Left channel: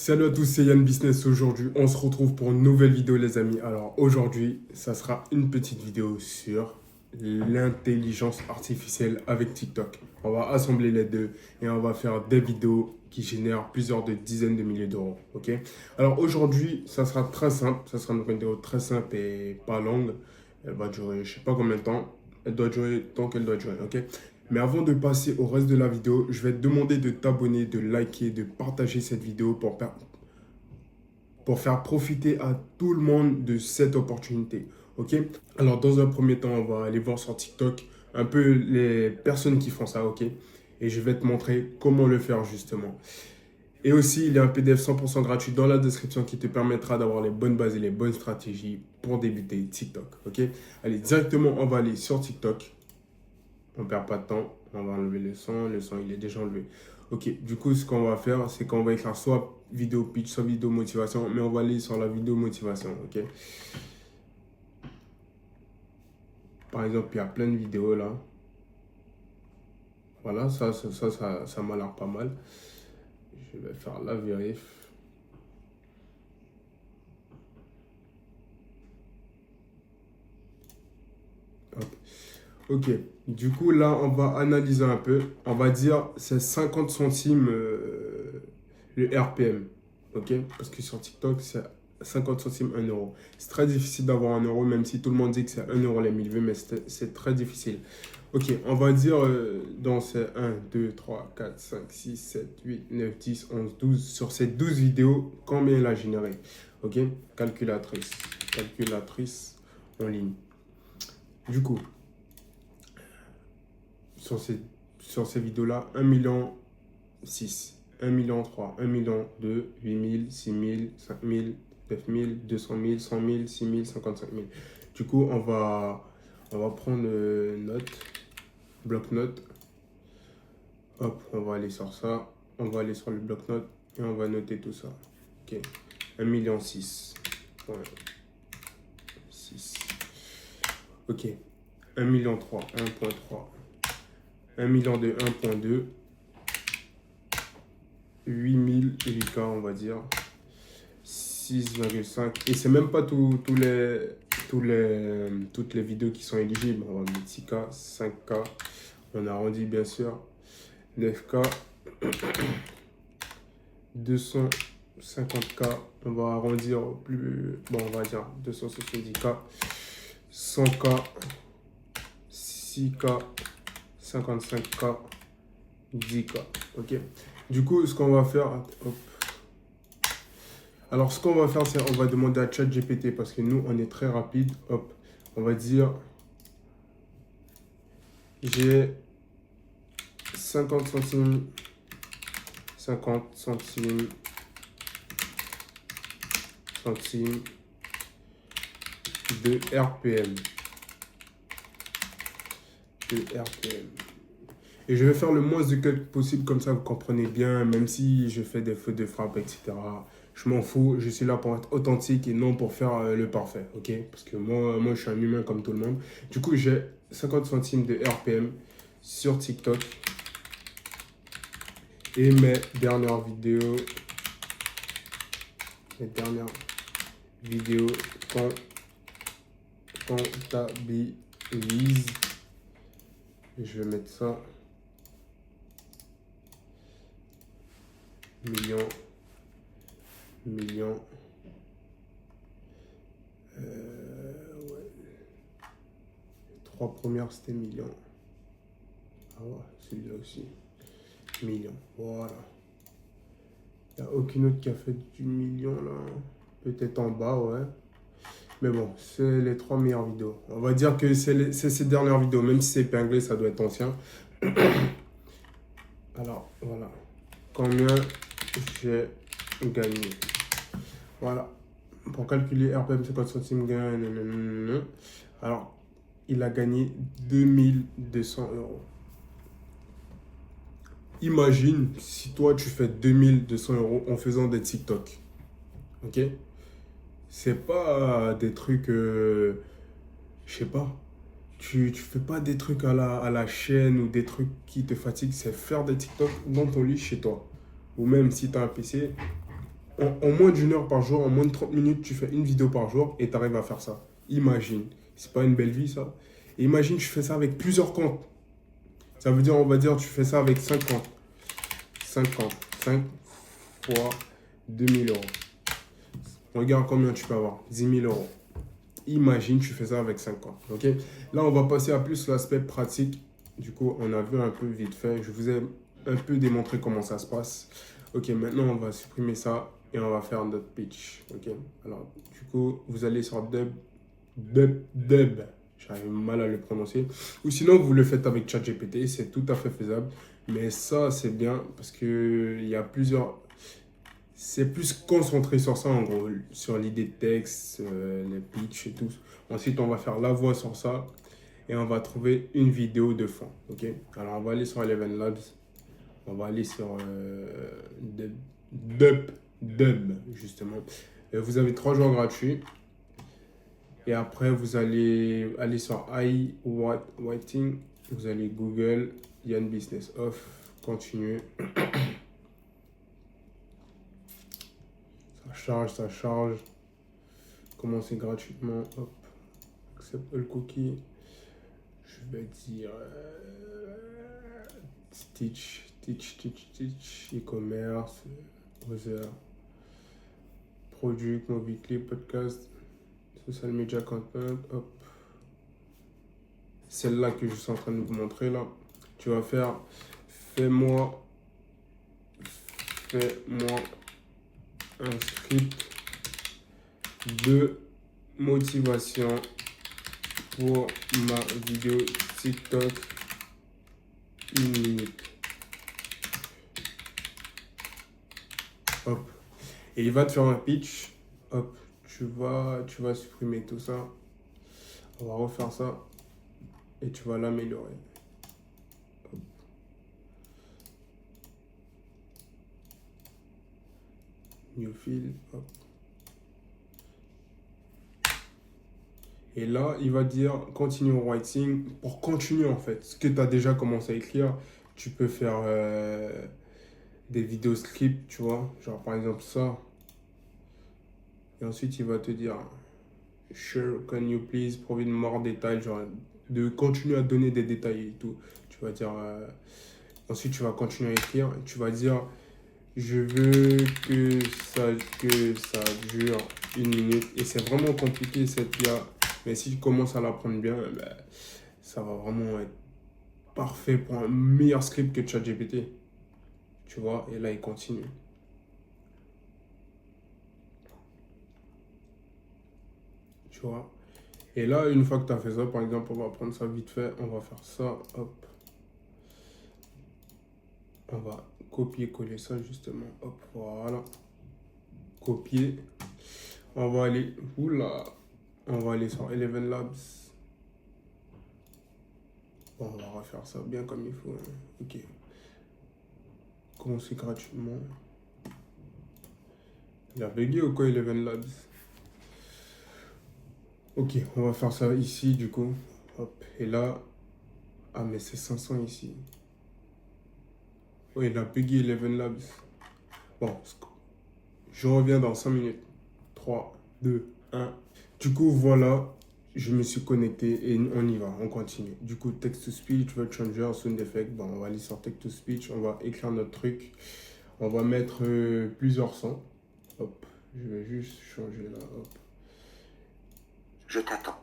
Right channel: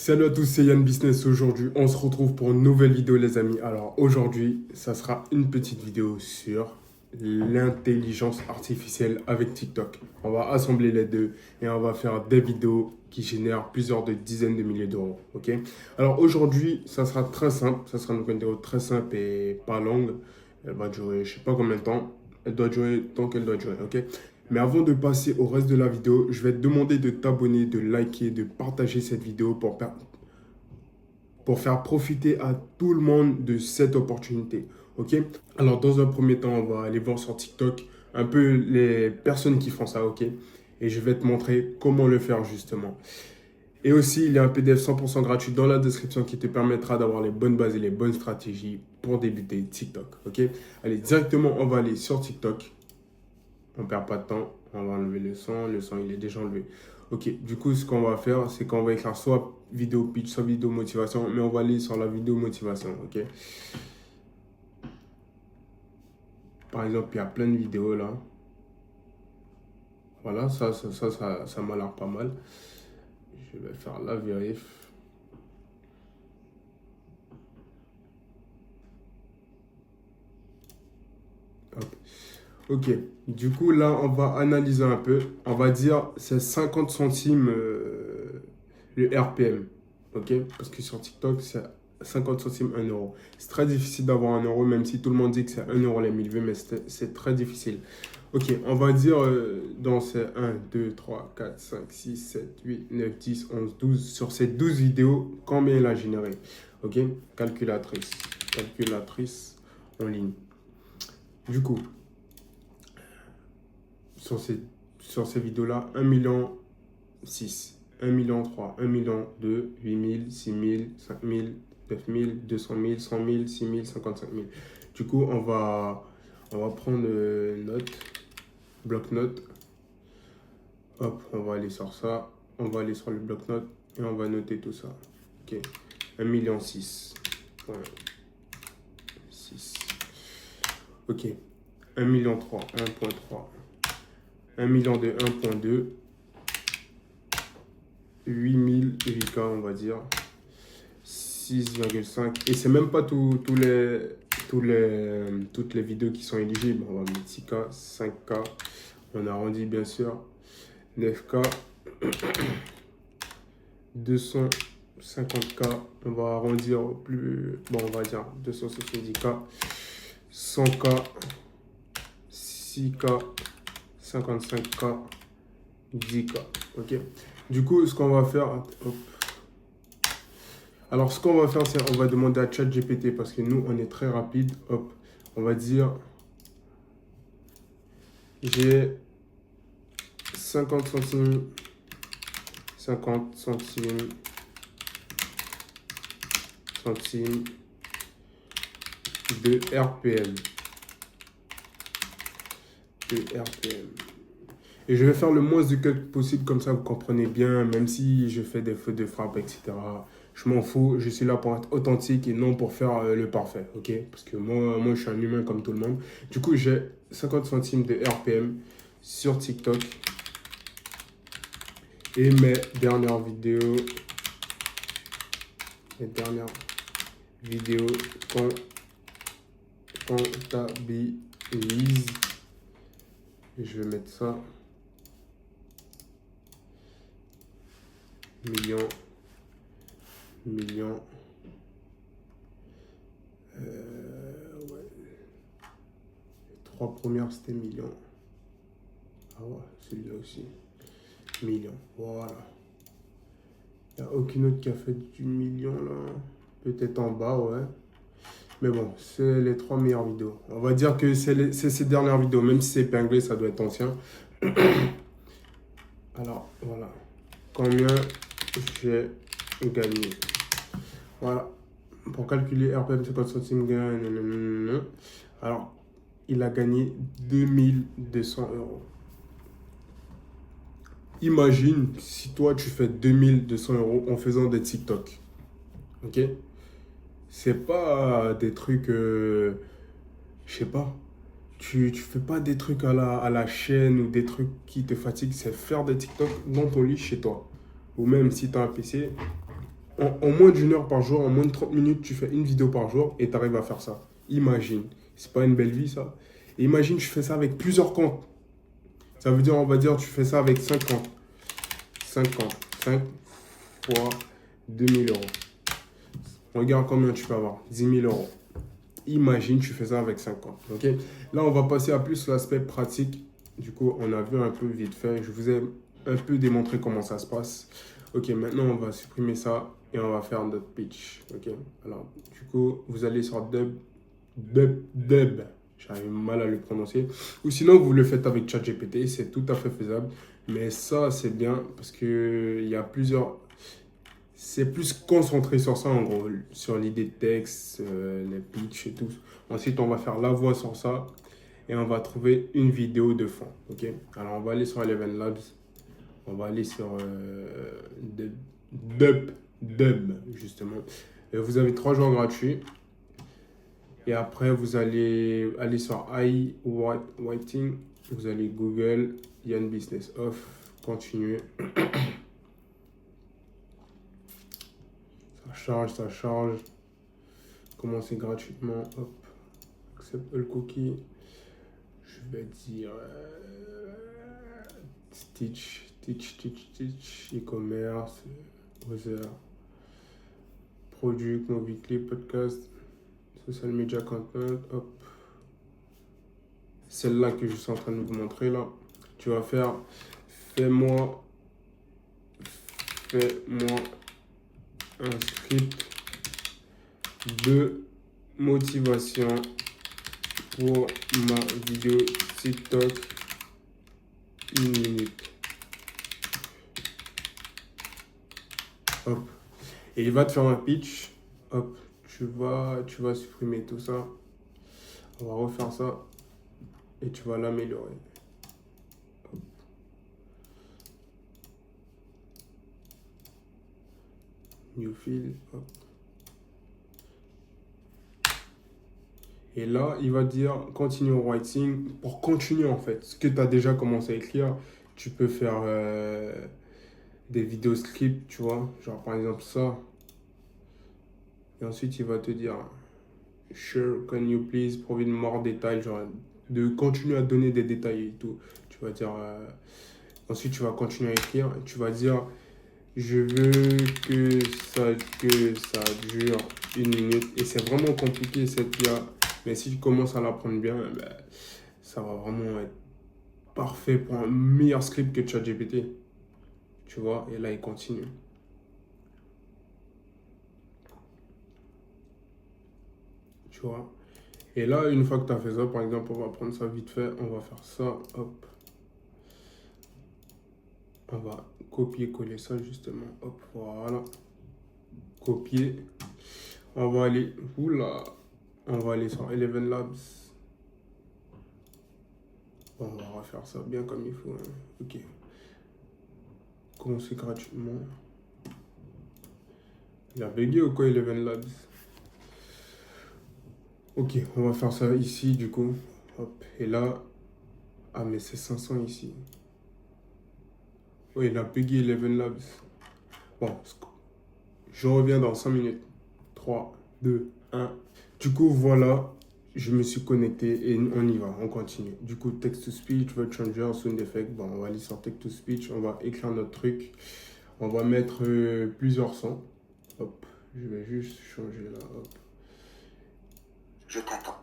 Salut à tous, c'est Yann Business. Aujourd'hui, on se retrouve pour une nouvelle vidéo, les amis. Alors, aujourd'hui, ça sera une petite vidéo sur l'intelligence artificielle avec TikTok. On va assembler les deux et on va faire des vidéos qui génèrent plusieurs de dizaines de milliers d'euros. Ok? Alors, aujourd'hui, ça sera très simple. Ça sera une vidéo très simple et pas longue. Elle va durer, je sais pas combien de temps. Elle doit durer tant qu'elle doit durer. Ok? Mais avant de passer au reste de la vidéo, je vais te demander de t'abonner, de liker, de partager cette vidéo pour faire profiter à tout le monde de cette opportunité. Ok? Alors, dans un premier temps, on va aller voir sur TikTok un peu les personnes qui font ça. Ok? Et je vais te montrer comment le faire justement. Et aussi, il y a un PDF 100% gratuit dans la description qui te permettra d'avoir les bonnes bases et les bonnes stratégies pour débuter TikTok. Ok? Allez, directement, on va aller sur TikTok. On ne perd pas de temps. On va enlever le son. Le son, il est déjà enlevé. Ok, du coup, ce qu'on va faire, c'est qu'on va écrire soit vidéo pitch, soit vidéo motivation, mais on va aller sur la vidéo motivation, ok? Par exemple, il y a plein de vidéos là. Voilà, ça m'a l'air pas mal. Je vais faire la vérif. Hop. Ok, du coup, là, on va analyser un peu. On va dire c'est 50 centimes le RPM. Ok, parce que sur TikTok, c'est 50 centimes 1 euro. C'est très difficile d'avoir 1 euro, même si tout le monde dit que c'est 1 euro les 1000 vues, mais c'est très difficile. Ok, on va dire dans ces 1, 2, 3, 4, 5, 6, 7, 8, 9, 10, 11, 12. Sur ces 12 vidéos, combien il a généré? Ok, calculatrice. Calculatrice en ligne. Du coup, sur ces, sur ces vidéos-là, 1 million 6, 1 million 3, 1 million 2, 8 000, 6 000, 5 000, 9 000, 200 000, 100 000, 6 000, 55 000. Du coup, on va prendre note, bloc-notes. Hop, on va aller sur ça. On va aller sur le bloc-notes et on va noter tout ça. Ok, 1 million 6. 6. Ok, 1 million 3, 1.3. 1 million 2, 1.2. 8000 VK, on va dire. 6,5. Et c'est même pas toutes les vidéos qui sont éligibles. On va mettre 6K, 5K. On arrondit bien sûr. 9K. 250K. On va arrondir au plus. Bon, on va dire 270K. 100K. 6K. 55K. 10K. Ok. Du coup, ce qu'on va faire. Hop. Alors, ce qu'on va faire, c'est on va demander à ChatGPT parce que nous, on est très rapide. Hop, on va dire j'ai 50 centimes, 50 centimes, centimes de RPM. De RPM. Et je vais faire le moins de calculs possible, comme ça vous comprenez bien, même si je fais des fautes de frappe, etc. Je m'en fous, je suis là pour être authentique et non pour faire le parfait, ok? Parce que moi, je suis un humain comme tout le monde. Du coup, j'ai 50 centimes de RPM sur TikTok. Et mes dernières vidéos comptabilisent. Et je vais mettre ça. Millions. Millions. Ouais. Les trois premières, c'était millions. Ah ouais, celui-là aussi. Millions. Voilà. Il n'y a aucune autre qui a fait du million là. Peut-être en bas, ouais. Mais bon, c'est les trois meilleures vidéos. On va dire que c'est ces dernières vidéos. Même si c'est épinglé, ça doit être ancien. Alors, voilà. Combien j'ai gagné? Voilà. Pour calculer RPM 50 centimes gain, nanana. Alors, il a gagné 2200 euros. Imagine si toi tu fais 2200 euros en faisant des TikTok. Ok? C'est pas des trucs, je sais pas. Tu fais pas des trucs à la chaîne ou des trucs qui te fatiguent. C'est faire des TikTok dans ton lit chez toi. Ou même si tu as un PC, en moins d'une heure par jour, en moins de 30 minutes, tu fais une vidéo par jour et tu arrives à faire ça. Imagine. C'est pas une belle vie, ça. Et imagine, tu fais ça avec plusieurs comptes. Ça veut dire, on va dire, tu fais ça avec 5 comptes. 5 comptes. 5 fois 2 000 euros. Regarde combien tu peux avoir. 10 000 euros. Imagine, tu fais ça avec 5 comptes. Ok? Là, on va passer à plus l'aspect pratique. Du coup, on a vu un peu vite fait. Je vous ai un peu démontré comment ça se passe. Ok, maintenant, on va supprimer ça et on va faire notre pitch. Ok? Alors, du coup, vous allez sur Dub. J'arrive mal à le prononcer. Ou sinon, vous le faites avec ChatGPT. C'est tout à fait faisable. Mais ça, c'est bien parce que il y a plusieurs. C'est plus concentré sur ça, en gros, sur l'idée de texte, les pitchs et tout. Ensuite, on va faire la voix sur ça et on va trouver une vidéo de fond. Ok? Alors, on va aller sur Eleven Labs. On va aller sur Dub, justement. Et vous avez 3 jours gratuits. Et après, vous allez aller sur iWriting. Vous allez Google, Yann Business Off, continuer. Ça charge, ça charge. Commencer gratuitement. Hop. Accept all cookie. Je vais dire Stitch, e-commerce, other, product, movie clip, podcast, social media content. Hop. Celle-là que je suis en train de vous montrer là. Tu vas faire fais-moi un script de motivation pour ma vidéo TikTok 1 minute. Hop. Et il va te faire un pitch. Hop. Tu vas supprimer tout ça. On va refaire ça. Et tu vas l'améliorer. New fill. Hop. Et là, il va dire continue writing. Pour continuer en fait, ce que tu as déjà commencé à écrire, tu peux faire des vidéos script, tu vois. Genre par exemple ça. Et ensuite, il va te dire sure, can you please provide more details, genre de continuer à donner des détails et tout. Tu vas dire ensuite tu vas continuer à écrire et tu vas dire je veux que ça dure 1 minute. Et c'est vraiment compliqué cette IA, mais si tu commences à l'apprendre bien, ben, ça va vraiment être parfait pour un meilleur script que ChatGPT. Tu vois, et là il continue. Tu vois. Et là, une fois que tu as fait ça, par exemple, on va prendre ça vite fait, on va faire ça, hop. On va copier-coller ça justement, hop, voilà. Copier. On va aller, oula, on va aller sur Eleven Labs. Bon, on va refaire ça bien comme il faut. Hein. Ok. Commencer gratuitement. Il a bugué ou quoi, Eleven Labs? Ok, on va faire ça ici du coup. Hop, et là. Ah, mais c'est 500 ici. Oh, il a bugué Eleven Labs. Bon, je reviens dans 5 minutes. 3, 2, 1. Du coup, voilà. Je me suis connecté et on y va, on continue. Du coup, text to speech, word changer, sound effect. Bon, on va aller sur text to speech, on va écrire notre truc. On va mettre plusieurs sons. Hop, je vais juste changer là. Hop. Je t'attends.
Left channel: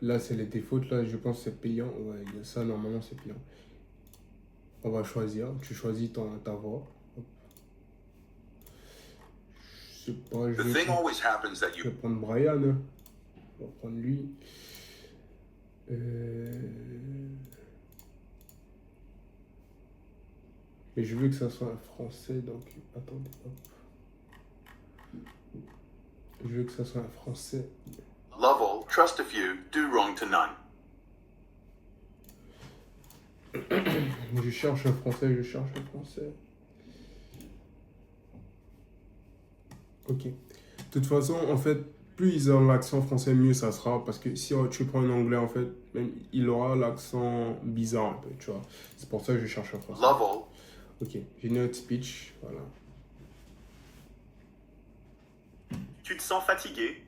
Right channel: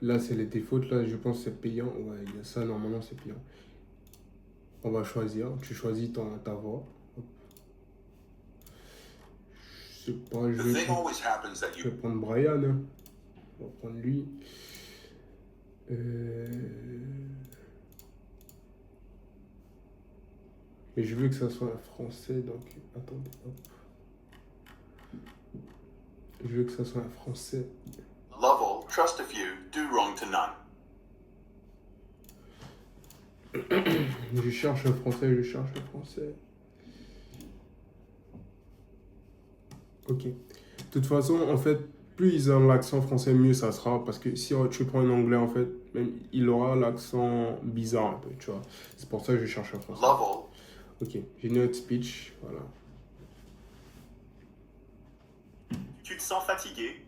Là, c'est les défautes. Là, je pense que c'est payant. Ouais, il y a ça, normalement, c'est payant. On va choisir. Tu choisis ta voix. Hop. Je sais pas, je vais prendre Brian. Hein. On va prendre lui. Mais je veux que ça soit un français, donc attendez. Hop. Je veux que ça soit un français. Love all, trust a few, do wrong to none. Je cherche un français. Ok. De toute façon, en fait, plus ils ont l'accent français, mieux ça sera. Parce que si tu prends un anglais, en fait, même il aura l'accent bizarre un peu, tu vois. C'est pour ça que je cherche un français. Love all. Ok, j'ai notre speech, voilà. Tu te sens fatigué?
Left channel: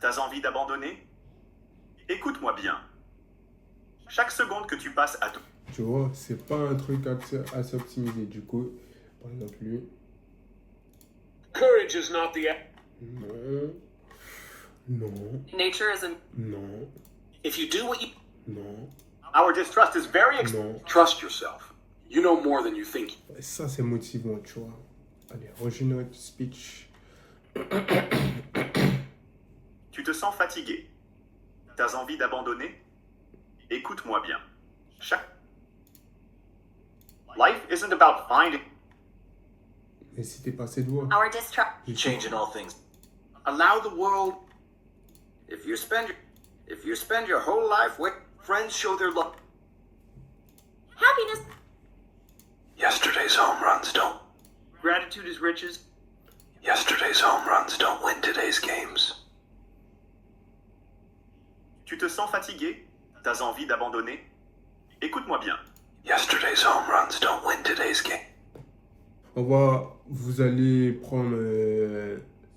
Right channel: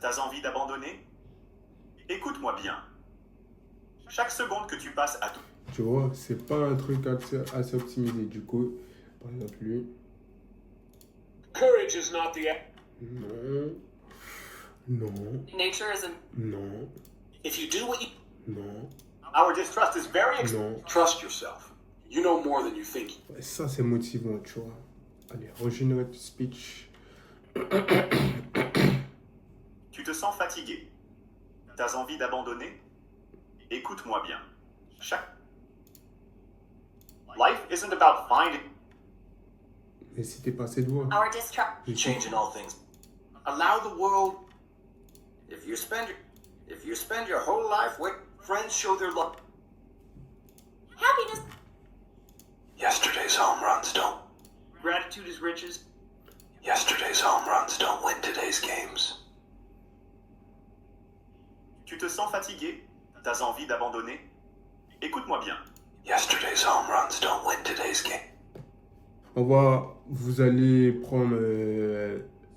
T'as envie d'abandonner? Écoute-moi bien. Chaque seconde que tu passes à... Tu vois, c'est pas un truc assez optimisé. Du coup, par exemple, lui. Courage is not the Non. Non. Nature is a Non. If you do what you Non. Our distrust is very... Non. trust yourself. You know more than you think. Ouais, ça, c'est motivant, tu vois. Allez, regenerate speech. Tu te sens fatigué? T'as envie d'abandonner? Écoute-moi bien. Chaque... Life isn't about finding... Mais si t'es passé de voix. our distrust. Je suis- Change in all things. Allow the world. If you spend your whole life with friends, show their love. Happiness. Yesterday's home runs don't. Gratitude is riches. Yesterday's home runs don't win today's games. Tu te sens fatigué? T'as envie d'abandonner? Écoute-moi bien. Yesterday's home runs don't win today's game. Vous allez prendre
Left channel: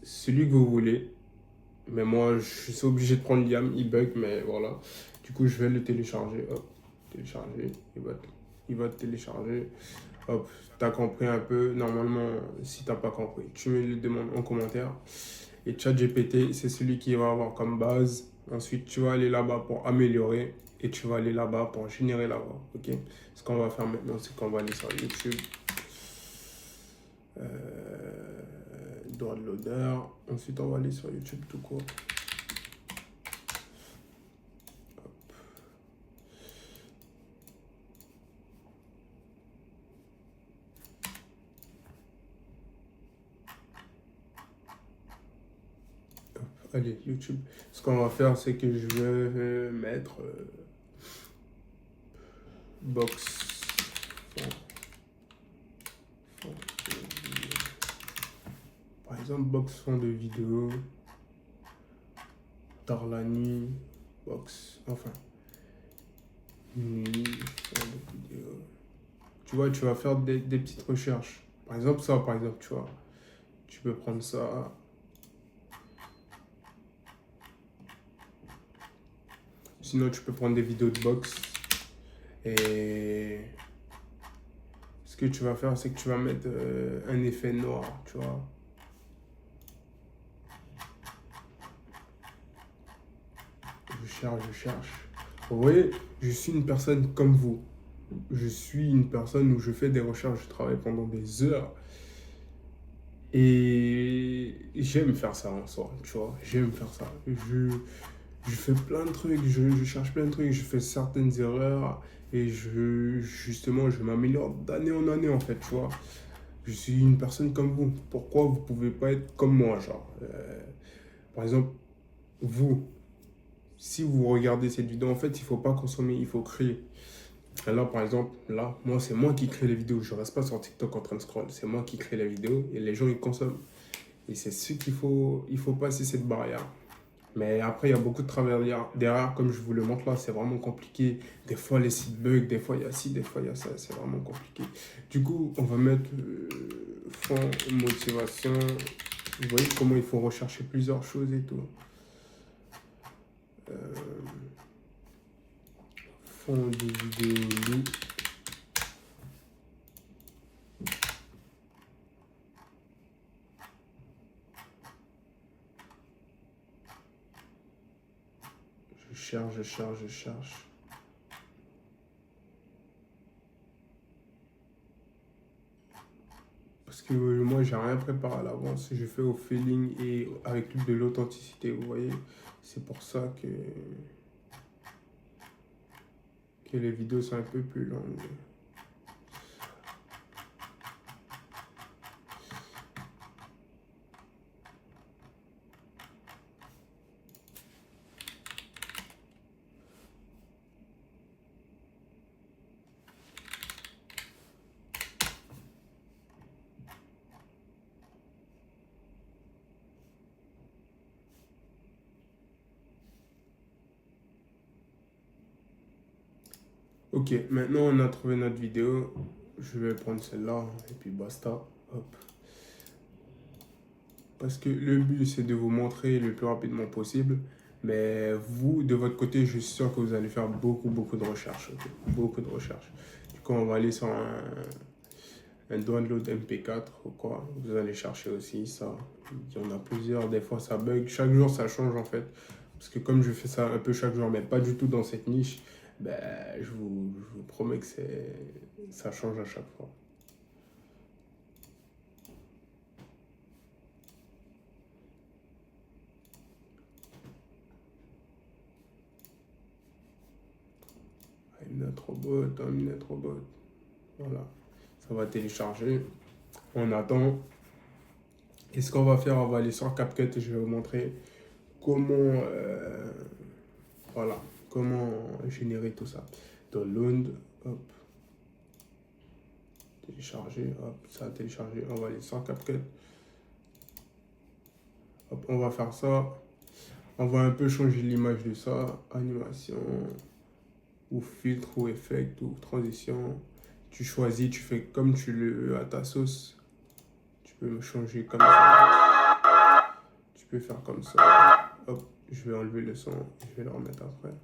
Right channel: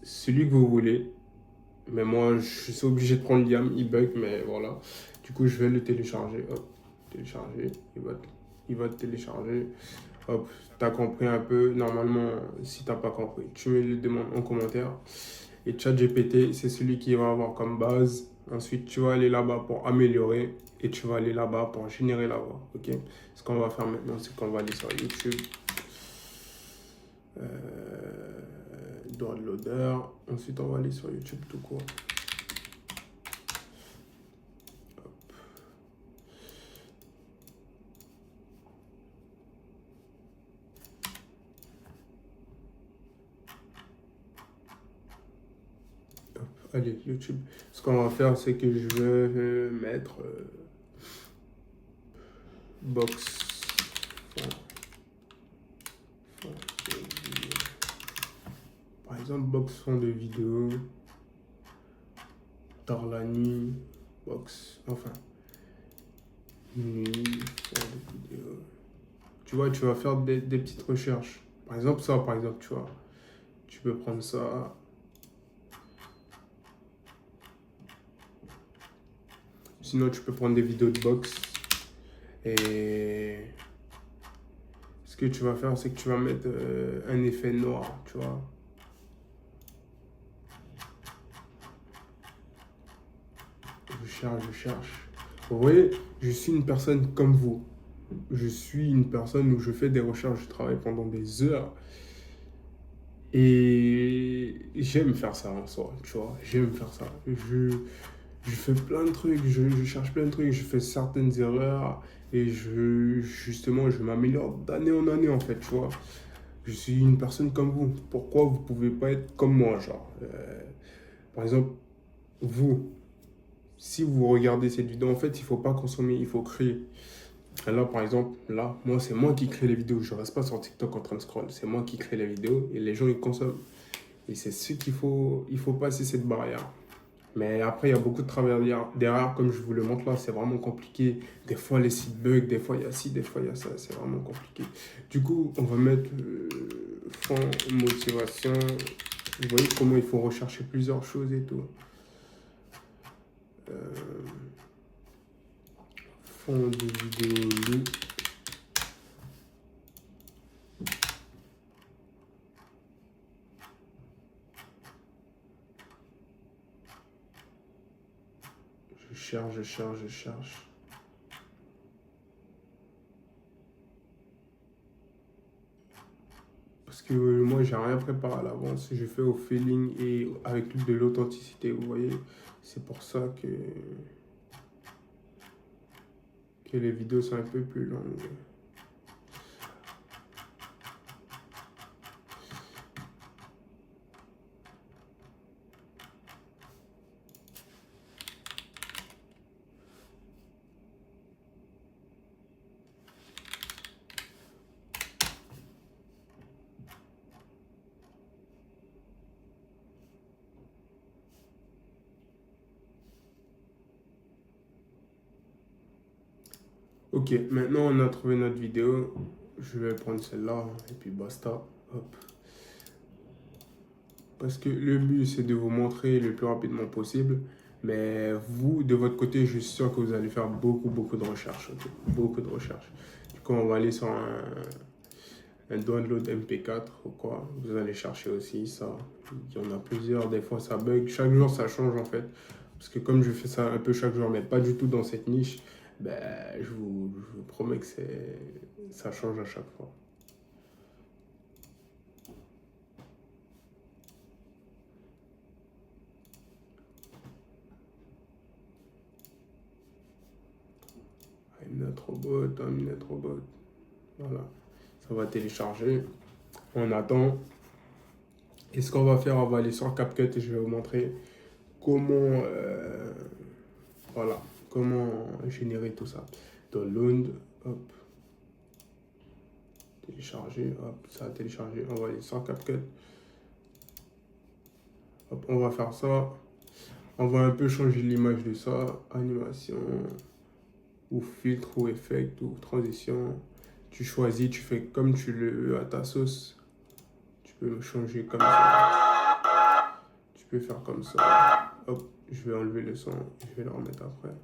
celui que vous voulez. Mais moi, je suis obligé de prendre Liam, il bug, mais voilà. Du coup, je vais le télécharger. Hop, télécharger. Il va te télécharger. Hop, t'as compris un peu. Normalement, si t'as pas compris, tu me le demandes en commentaire. Et ChatGPT, c'est celui qui va avoir comme base. Ensuite, tu vas aller là-bas pour améliorer. Et tu vas aller là-bas pour générer la voix. Ok? Ce qu'on va faire maintenant, c'est qu'on va aller sur YouTube. Droit de l'odeur. Ensuite, on va aller sur YouTube tout court. Hop. Hop. Allez, YouTube. Ce qu'on va faire, c'est que je vais mettre box. Par exemple, box fond de vidéo, tard la nuit, box, enfin, nuit, fond de vidéo. Tu vois, tu vas faire des petites recherches. Par exemple, ça, par exemple, tu vois, tu peux prendre ça. Sinon, tu peux prendre des vidéos de box. Et ce que tu vas faire, c'est que tu vas mettre un effet noir, tu vois. Je cherche. Vous voyez, je suis une personne comme vous. Je suis une personne où je fais des recherches, je travaille pendant des heures. Et j'aime faire ça en soi, tu vois. J'aime faire ça. Je fais plein de trucs, je cherche plein de trucs, je fais certaines erreurs. Et justement, je m'améliore d'année en année, en fait, tu vois. Je suis une personne comme vous. Pourquoi vous pouvez pas être comme moi, genre par exemple, vous... Si vous regardez cette vidéo, en fait, il ne faut pas consommer, il faut créer. Et là, par exemple, là, moi, c'est moi qui crée les vidéos. Je ne reste pas sur TikTok en train de scroll. C'est moi qui crée les vidéos et les gens, ils consomment. Et c'est ce qu'il faut, il faut passer cette barrière. Mais après, il y a beaucoup de travail derrière, comme je vous le montre là, c'est vraiment compliqué. Des fois, les sites bug, des fois, il y a ci, des fois, il y a ça. C'est vraiment compliqué. Du coup, on va mettre fond motivation. Vous voyez comment il faut rechercher plusieurs choses et tout. Fond de vidéo loup. Je cherche. Parce que moi, j'ai rien préparé à l'avance. Je fais au feeling et avec de l'authenticité, vous voyez. C'est pour ça que les vidéos sont un peu plus longues. Ok, maintenant on a trouvé notre vidéo. Je vais prendre celle-là et puis basta. Hop. parce que le but, c'est de vous montrer le plus rapidement possible. Mais vous, de votre côté, je suis sûr que vous allez faire beaucoup de recherches. Ok, beaucoup de recherches. Du coup, on va aller sur un download MP4 ou quoi. Vous allez chercher aussi ça. Il y en a plusieurs. Des fois, ça bug. Chaque jour, ça change en fait. Parce que comme je fais ça un peu chaque jour, mais pas du tout dans cette niche, ben, je vous promets que ça change à chaque fois. Mnet Robot. Voilà. Ça va télécharger. On attend. Et ce qu'on va faire, on va aller sur CapCut et je vais vous montrer comment, voilà, comment générer tout ça. Download, hop, télécharger, hop, ça a téléchargé. On va aller sur CapCut. Hop, on va faire ça. On va un peu changer l'image de ça. Animation, ou filtre, ou effect, ou transition. Tu choisis, tu fais comme tu le veux à ta sauce. Tu peux le changer comme ça. Tu peux faire comme ça. Hop, je vais enlever le son. Je vais le remettre après.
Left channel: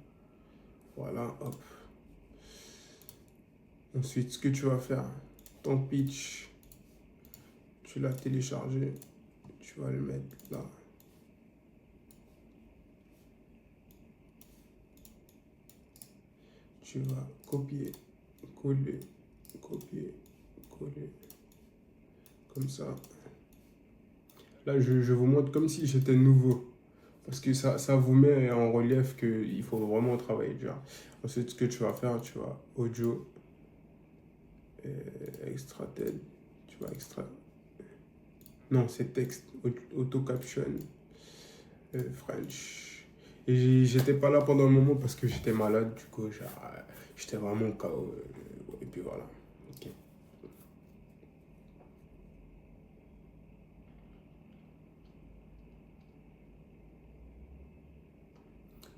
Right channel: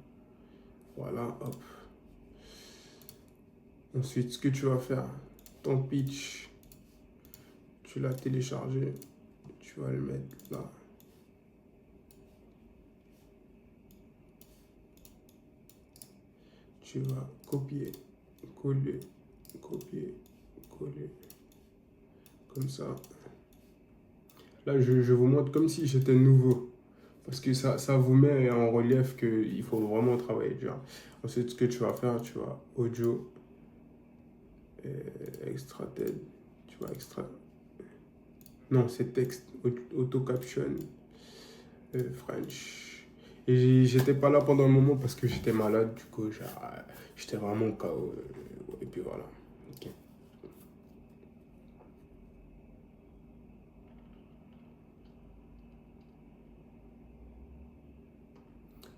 Voilà, hop. Ensuite, ce que tu vas faire, ton pitch, tu l'as téléchargé. Tu vas le mettre là. Tu vas copier, coller, comme ça. Là, je vous montre comme si j'étais nouveau. Parce que ça vous met en relief qu'il faut vraiment travailler dur. Ensuite, ce que tu vas faire, tu vas audio, extrated, tu vas extraire. Non, c'est texte, auto caption, French. Et j'étais pas là pendant un moment parce que j'étais malade, du coup, j'étais vraiment KO. Et puis voilà. Okay.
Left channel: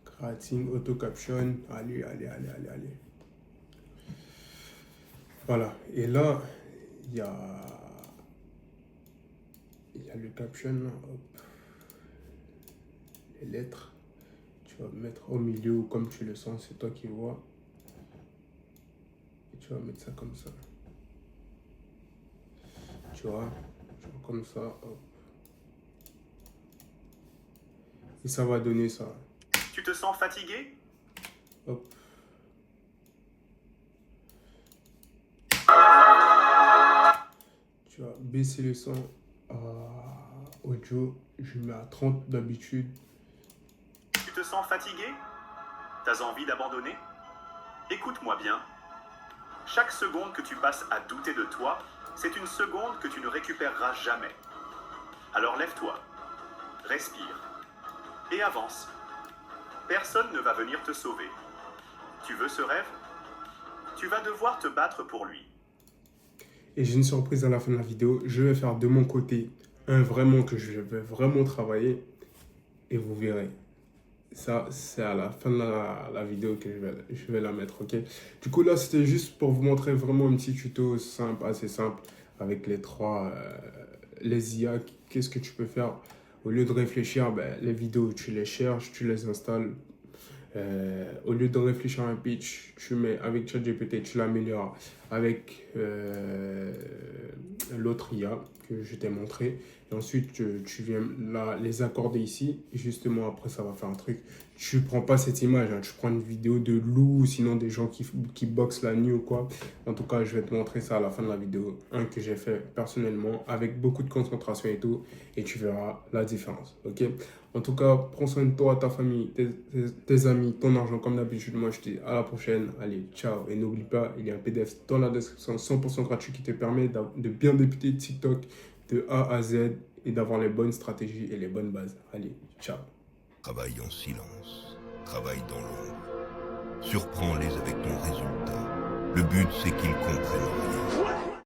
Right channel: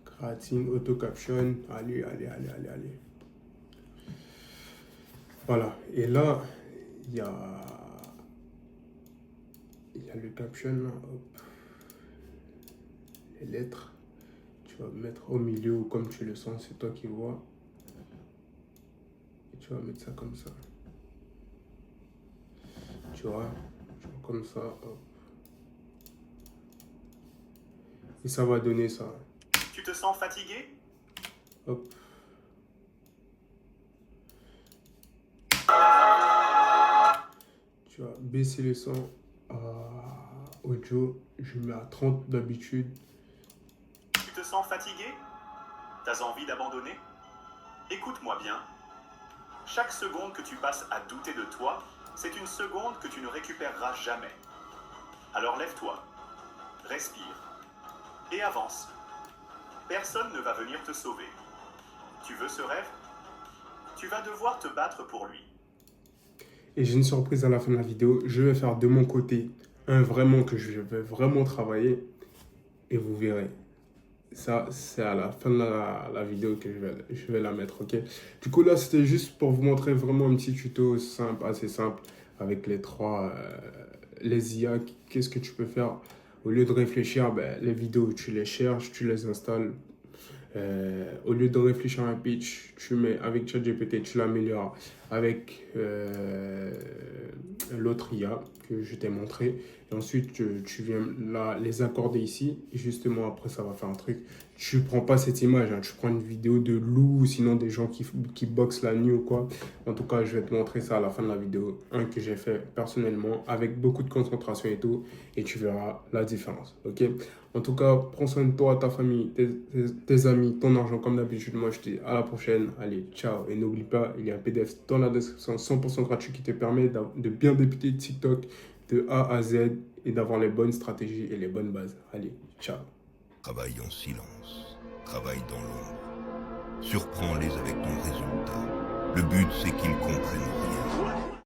Creating, auto caption, allez. Voilà. Et là, il y a le caption, là, hop. Les lettres. Tu vas mettre au milieu comme tu le sens, c'est toi qui vois. Et tu vas mettre ça comme ça. Tu vois, genre comme ça, hop. Et ça va donner ça. Tu te sens fatigué? Hop. Tu vas baisser le son à audio. Je mets à 30 d'habitude. Tu te sens fatigué? T'as envie d'abandonner? Écoute-moi bien. Chaque seconde que tu passes à douter de toi, c'est une seconde que tu ne récupéreras jamais. Alors lève-toi, respire et avance. Personne ne va venir te sauver. Tu veux ce rêve? Tu vas devoir te battre pour lui. Et j'ai une surprise à la fin de la vidéo. Je vais faire de mon côté un vraiment que je vais vraiment travailler. Et vous verrez. Ça, c'est à la fin de la vidéo que je vais la mettre, ok? Du coup, là, c'était juste pour vous montrer vraiment un petit tuto simple, assez simple, avec les IA. Qu'est-ce que tu peux faire? Au lieu de réfléchir, ben, les vidéos, tu les cherches, tu les installes. Au lieu de réfléchir à un pitch, tu mets avec ChatGPT, tu l'améliores avec l'autre IA que je t'ai montré. Et ensuite, tu viens là les accorder ici. Et justement, après, ça va faire un truc. Tu prends pas cette image, hein, tu prends une vidéo de loup, sinon des gens qui boxent la nuit ou quoi. En tout cas, je vais te montrer ça à la fin de la vidéo. Un que j'ai fait personnellement, avec beaucoup de concentration et tout. Et tu verras la différence, ok? En tout cas, prends soin de toi, ta famille, tes amis, ton argent, comme d'habitude. Moi, je te dis à la prochaine. Allez, ciao. Et n'oublie pas, il y a un PDF dans la description 100% gratuit qui te permet de bien débuter TikTok de A à Z et d'avoir les bonnes stratégies et les bonnes bases. Allez, ciao. Travaille en silence, travaille dans l'ombre. Surprends-les avec ton résultat. Le but, c'est qu'ils comprennent rien.